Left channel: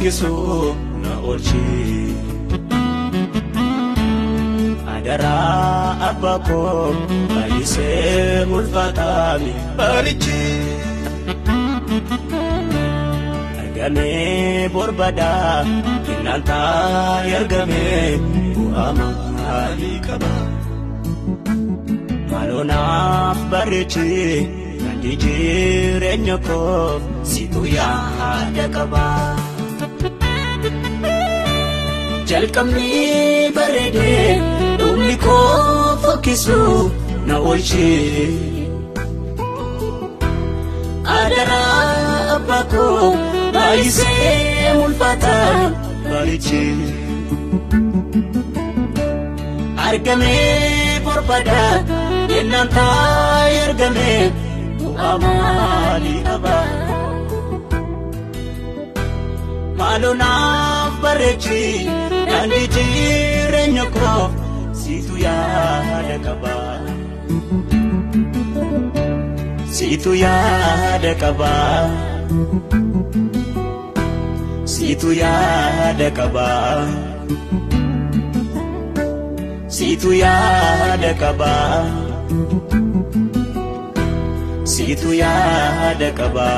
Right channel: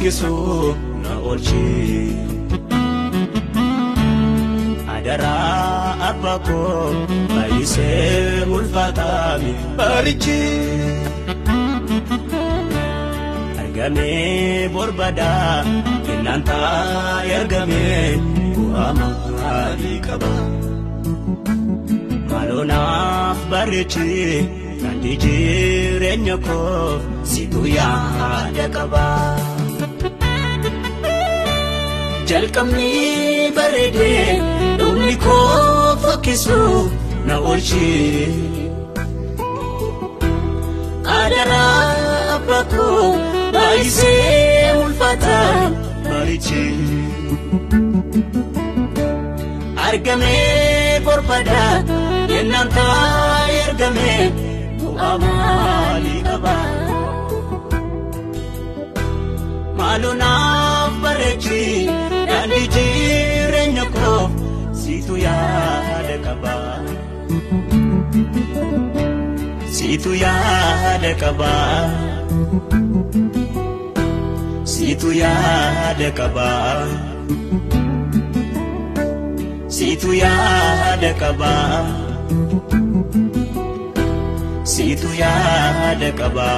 Kisu na orchi adara abatu aise mulfatami arichi agame borbada kinanta yargame ali kaba malona barichi nadijire nyako situya yakaba Jalkamni barede uliko fokiso na oichi adara abato aise mulfata marichi argame borbada inanta yargame amali aba maluna barichi Yandijire nyoko situ ya dekaba situ ya dekaba situ ya dekaba situ ya dekaba situ ya dekaba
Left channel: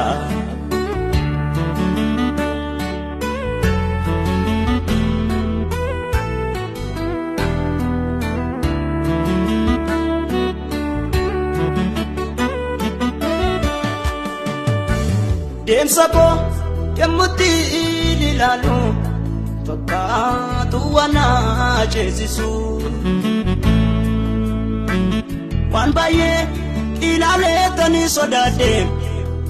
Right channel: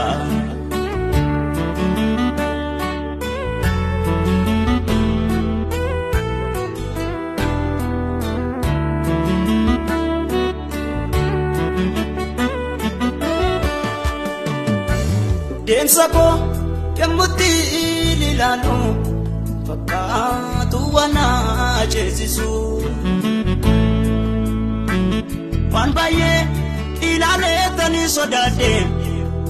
Sabo kemuti ilalu fakatu wana jesu wan baye ilale tani sodade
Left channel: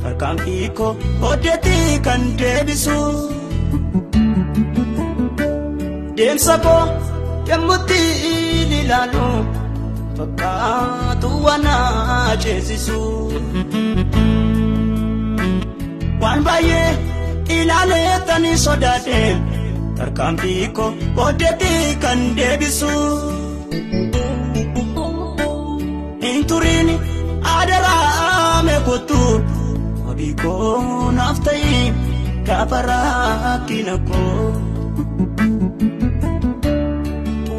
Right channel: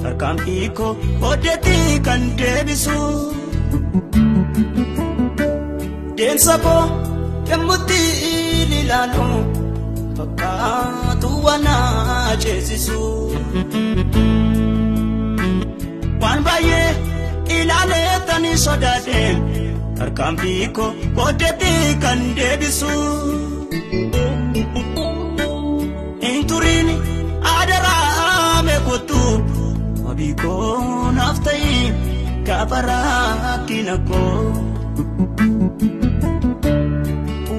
arkan kiko odeti kan kebiso sabo kemuti ilalu fakatu wana jesu Wambaye inale tani sodade tarkambiko odete kan debisu inturini adala me kutu abiko naftai kabara kinako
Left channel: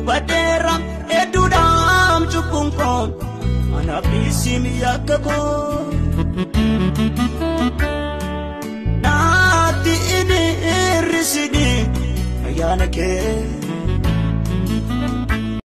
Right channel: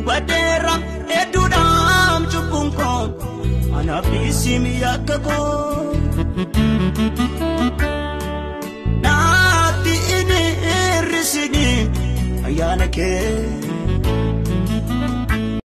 badera edudam chukumpo anabisim yakabo Rusidi, ayana ke